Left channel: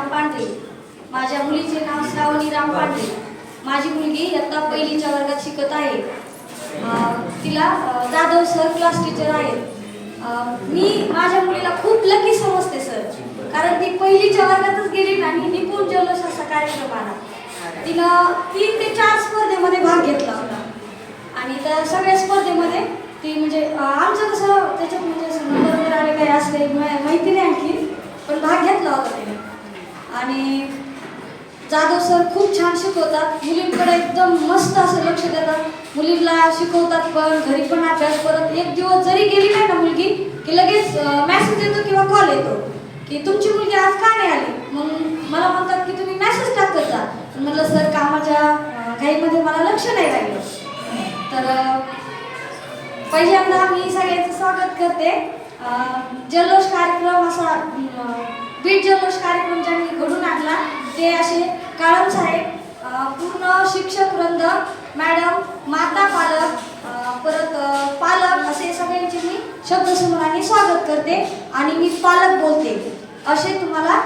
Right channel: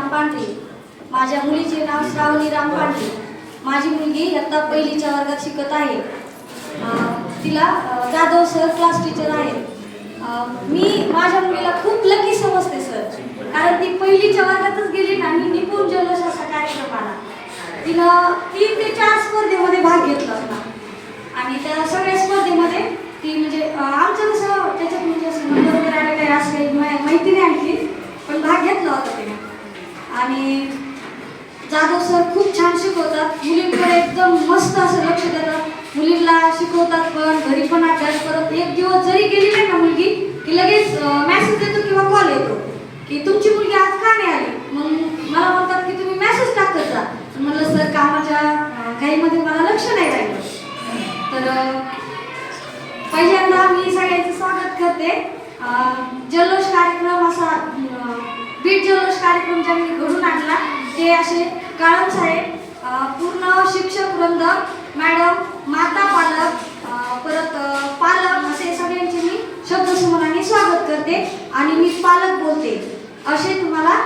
राम पांढरे. माझ्या मुलीचे नाव श्रावणी राम पांढरे. माझी मुलगी इयत्ता पहिलीच्या वर्गात शिकत आहे. तिला जाधव सर क्लास टीचर आहेत. मी माझ्या मुलीला खूप लकी समजते सर, कारण ती पहिलीच्या वर्गातच गेली आणि निपुण जल्लोष असा कार्यक्रम आला. तिनं 3 ते 4 स्पर्धेमध्ये भाग घेतला होता आणि त्या सगळ्या स्पर्धेमध्ये ती म्हणजे आमचं कसं त्याच्यात म्हणजे असं नंबर आले काही असं काही माहिती नाही आणखी, पण भाग घेतला होता तिने. आणि जाधव सर खूप छान शिकवतात, मुलींकडे एकदम मस्त असं लक्ष देतात, मुलींना शिकवतात पण घरी पण अभ्यास करत. एक दिवस जरी गेली नाही ना मुलगी की लगेच मेसेज येतो किंवा कॉल येतो की तुमची मुलगी आज का नाही आली. मग मला म्हणतात की तुम्ही मेसेज टाकत जा. म्हटलं सर कामाच्या घाईमध्ये मला लक्ष नाही राहिलं. तर पहिल्यांदा मी सगळ्यांचं स्वागत करते. जल्लोष कार्यक्रम असा बीट जल्लोष कार्यक्रम ज्यांनी घडून आणला ते असे काळम साहेब, पूर्ण शिक्षक वृंद, मॅडम, माता पालक, परत पालक असे सगळ्यांचे मी शब्दसमूहाने स्वागत करते. आणि मी पालक बोलते. असे तुम्हाला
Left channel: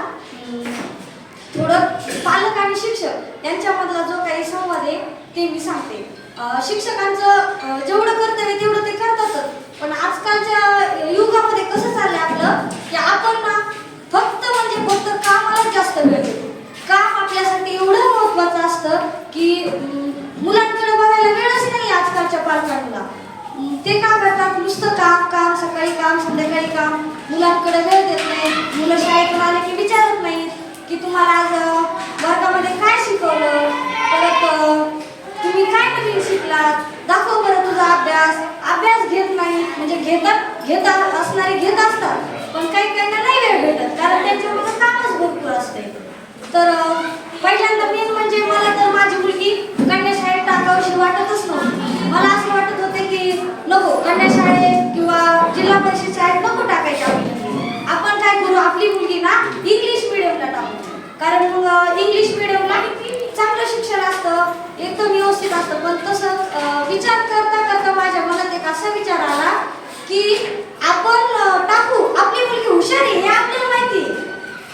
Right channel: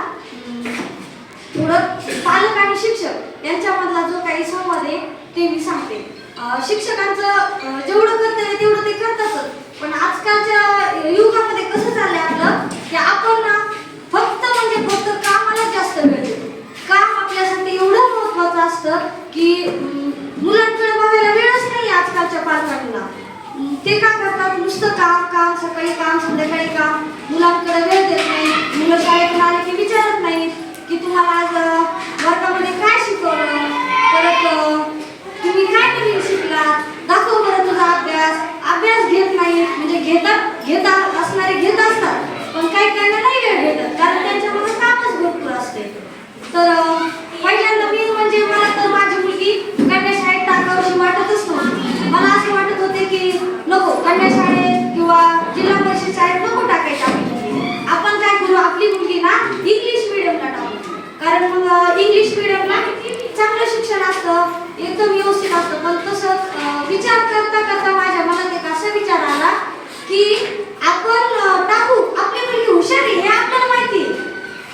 थोडं पालक आणि शिक्षक यांच्यामधला जो काही संवाद आहे ते मी सांगते. शिक्षकांचं जेवढं करता येईल तेवढं ते करतातच, पण आजकालच्या युगामध्ये कसं चाललंय आपलं की आपण ना फक्त कामाला जास्त वेळ देतो. काम आपल्यासाठी एवढं महत्त्वाचं असतं की मुलांकडे बघायला वेळच नाही आजकालच्या पालकांना. ते काय करतात, नुसतं काम, सकाळी काम, संध्याकाळी काम, मुलांकडे वेळ देत नाही. मुलं शाळेतून आले की विचारत नाहीत की तुम्हाला आज वर्गामध्ये काय शिकवलं, परत तुम्ही काय नवीन शिकलात, दाखव बरं तुझा अभ्यास घेत नाही. म्हणजे घेतात असणारे घेत असतात, पण काही नाही वेळ भेटत, कारण त्यांच्यामध्ये कामच भरपूर असते. तर पहिल्यांदा मी म्हणजे मला तर माझी मुलगी कन्या शाळेत टाकावीशी वाटतच नव्हती. मला असे वाटत होते की नको, कन्या शाळेत किंवा जिल्हा परिषद शाळेत नको टाकायचं. आपण काय करू, आपली मुलगी ना इंग्लिश मिडियमला टाकू, कारण मग इंग्लिश मिडियमला चांगलं शिक्षण असतं, एकदम व्यवस्थित असतं. पण तसं विचार करता करता माझ्या मनात एक असा विचार आला की आपण टाकू, आपली मुलगी हुशार आहे हे आपल्याला माहिती आहे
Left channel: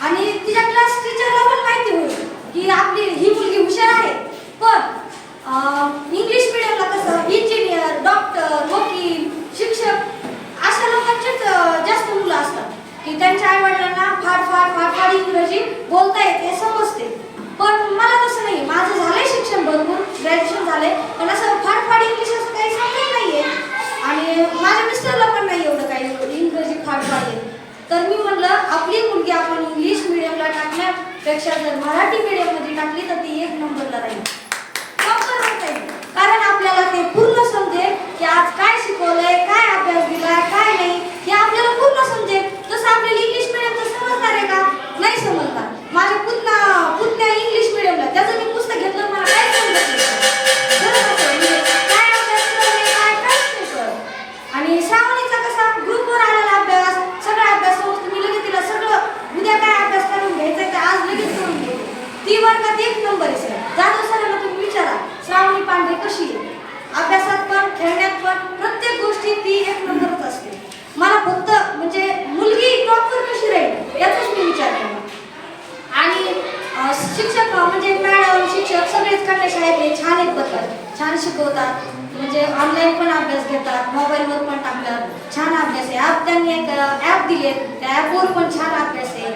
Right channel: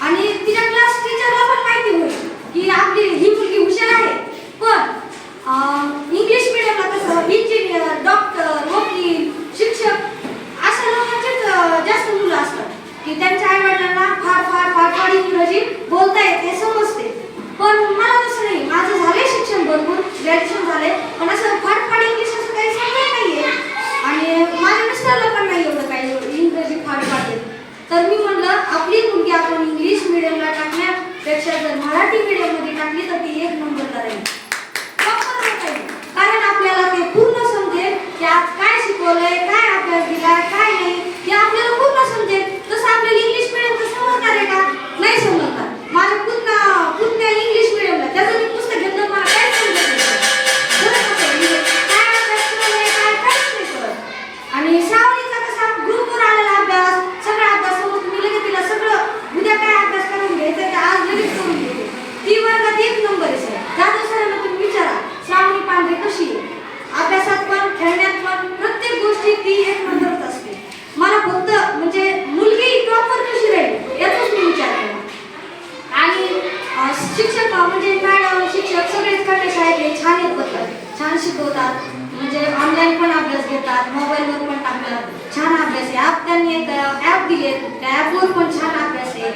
आणि तिच्या क्लास टीचरला पण माहिती होईल की आपली ही मुलगी हुशार आहे. पण इंग्लिश मिडियमला कसं इंजिनियर, डॉक्टर, वकील, शिक्षक अशा लोकांचेच जास्त मुलं असतात की त्यांच्या आईवडिलांना फाड इंग्रजी बोलता येते, समजते. पण मला तसं नाही, माझं झालंय शिक्षण भरपूर, ग्रॅज्युएशन झालंय, पण असं फाड इंग्लिश असं काही समजत नाहीये आणि माझ्या मिस्टरला पण नाही एवढं काही इंग्रजी फाड येत. तर मी म्हणलं आपली मुलगी आपण इंग्लिश मिडियमला टाकण्यापेक्षा जर मराठी मिडियममध्ये टाकली तर ती 1 नंबरला राहील. कारण आपल्याला ते पूर्ण समजेल की आज काय शिकवलंय, काय अभ्यास दिलाय, काय नाही हे आपल्याला पूर्ण समजेल. तसं आपल्याला इंग्लिश मिडियमचं समजणार आहे का? नाही समजणार. माझ्या पुतण्या इंग्लिश मिडियमला, त्याचं मी पुस्तक घेतलं, मला काय समजत नाही, काय अभ्यास करायला काय काहीच नाही कळत. आणि श्रावणीचा कसा ग्रुपवर आलेला अभ्यास, सगळा अभ्यास मी लगेच तिला सगळं उद्या काय अभ्यास करून घ्यायचं ते आज लगेच करून घेते. ती वर्गात 1 नंबर आहे सर. जाधव सरांना तुम्ही विचारा श्रावणी पांढरे कशी आहे, अभ्यासात पण खेळण्यात पण प्रत्येक गोष्टी ती 1 नंबरच असते. मला फक्त म्हणजे मुलगी प्रॉपर कशी राहील याचाच मी विचार केला. आणि शिक्षक म्हणजे मॅडम, शिक्षक सगळेच कन्या शाळेत छान आहेत, बघतात, छान शिकवतात. म्हणजे ऑनलाईन पण अभ्यास घेतात, मोबाईलवर पण टाकतात, छान अभ्यास आहे. ॲप त्यांनी एक ॲप दिले, त्या ॲपवर पण छान अभ्यास आहे.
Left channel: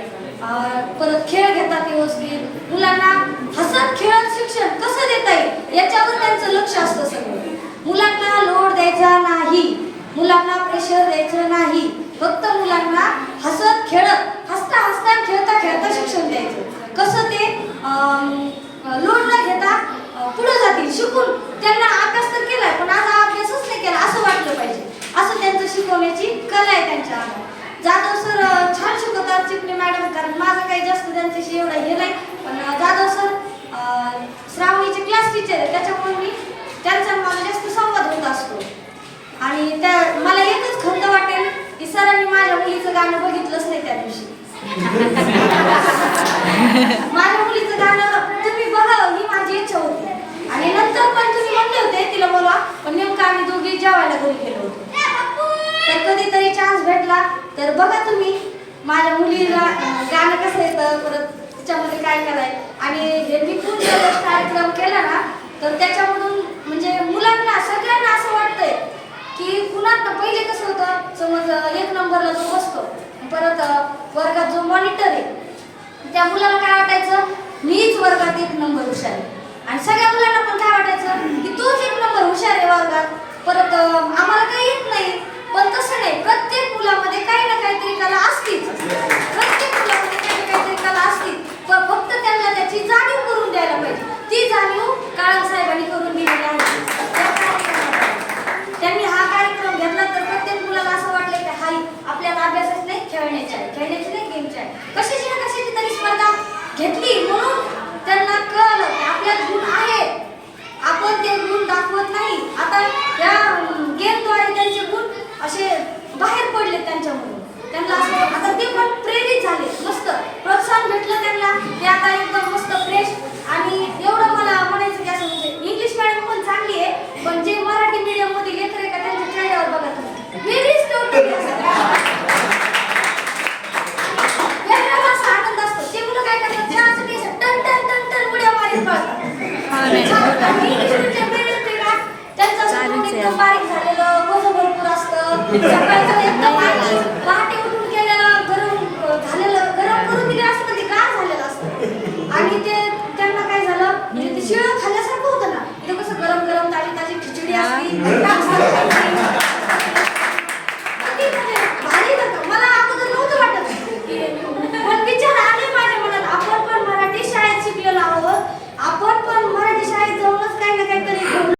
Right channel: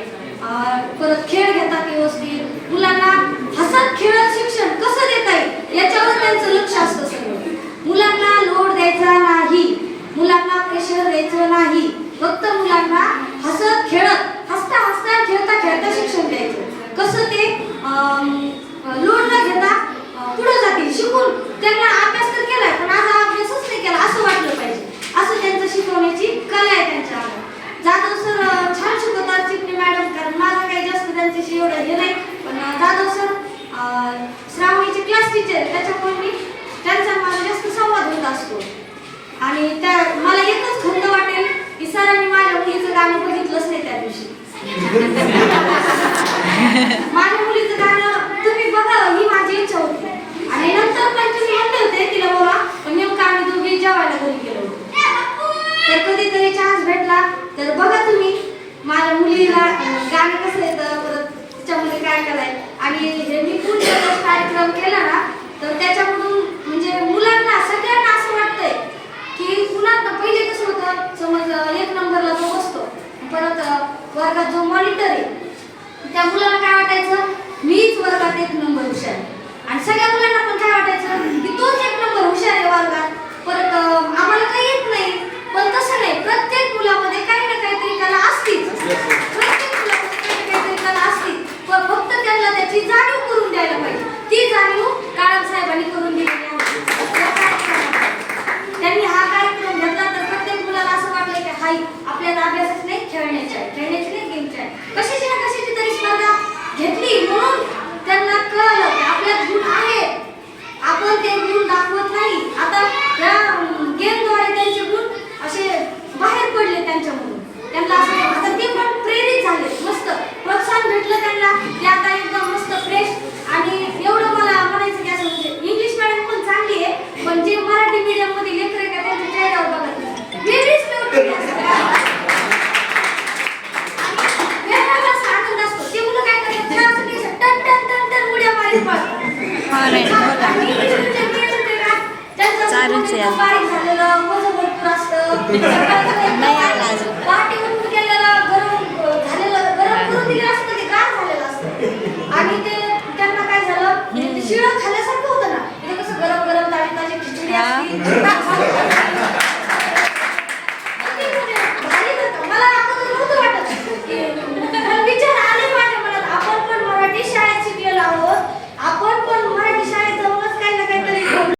परत खेळ घेतात व्यवस्थित. मुलांना हसत खेळत शिक्षण कसं देता येईल याच्यावर त्यांचं लक्ष असतं सगळं. मुलांना लोड द्यायचा नाही, मुलांना प्रेशर द्यायचं नाही, फक्त मुलांना हसत खेळत, हसता खेळता शिक्षण द्यायचं. कसं ते लोड न घेता पुढे जातील शिकून. त्यांना अभ्यास तर केलाय पण आज अभ्यासच नाही केला असं वाटलं पाहिजे, असं त्यांचं शिकवण्याची कला आहे त्यांच्या अंगात. जाधव सर छान शिकवतात, चिपणे मॅडम, कारण माझं काही जास्त त्यांच्याशी एवढं हे नाही, पण जाधव सर श्रावणीचे क्लास टीचर आहे, त्याच्यामुळे मी त्यांचा माझा जास्त संवाद होत असतो. आणि मला एकच खंत वाटेल की सरांनी माझ्या मुलीचं गाणं बघितलंच नाही त्या दिवशी. आणि हे निपुण प्रवेश कार्यक्रम केला ना तर त्याच्यामधून म्हणजे मुलांना सगळ्यांना असं वाटतंय की पुन्हा पहिले कसं होतं समज 1 नंबरला जो बसतो परत वर्गात जो मॉनिटर आहे त्या मुलाला काय वाटायचं मीच वर्गात 1 नंबर हुशार आहे आणि सगळ्या मुलांना पण काय वाटायचं की तोच 1 नंबर हुशार आहे वर्गात परत आम्हाला काही येत नाही पण तसं नाही प्रत्येक मुलामध्ये काही ना काहीतरी कला असतीच प्रत्येक मुलामध्ये काही ना काहीतरी कला असतीच पण फक्त त्यांना त्याची जाणीव करून द्यायला पाहिजे ती जाणीव काळम साहेबांनी करून दिलेली आहे त्यांनी हा कार्यक्रम घेतला तर प्रत्येक मुलाला असं वाटलं की हाई आपल्याला अभ्यासच नाही खेळण्याची नाही गेमची आहे कशाची ना कशाची तरी स्पर्धा घेतली म्हणून त्यांना कळलं की आपल्यात गुण आहेत आपण ते गुण दाखवत नाही आता या गेमद्वारे त्यांचे गुण असे बाहेर पडले त्यांच्यामधून त्यांना असं आता ते पण प्रेरित झाले मस्त प्रोत्साहन भेटलं त्यांना ते आता एकदम मस्त फ्रेश आणि एवढं मला म्हणायचं की असं म्हणजे इंग्लिश मॅडम पण चांगली आहे पण जे मराठी मीडियम मध्ये लेकर आहे का त्यांच्या चेहऱ्यावर बघत नाही वेगळीच वेगळाच असा आनंद असतो ते मुलं काय करतात छान असं टन टन टन टन उड्या मारीत त्यांचं बारीक झालेलं भरपूर असतं सकाळचं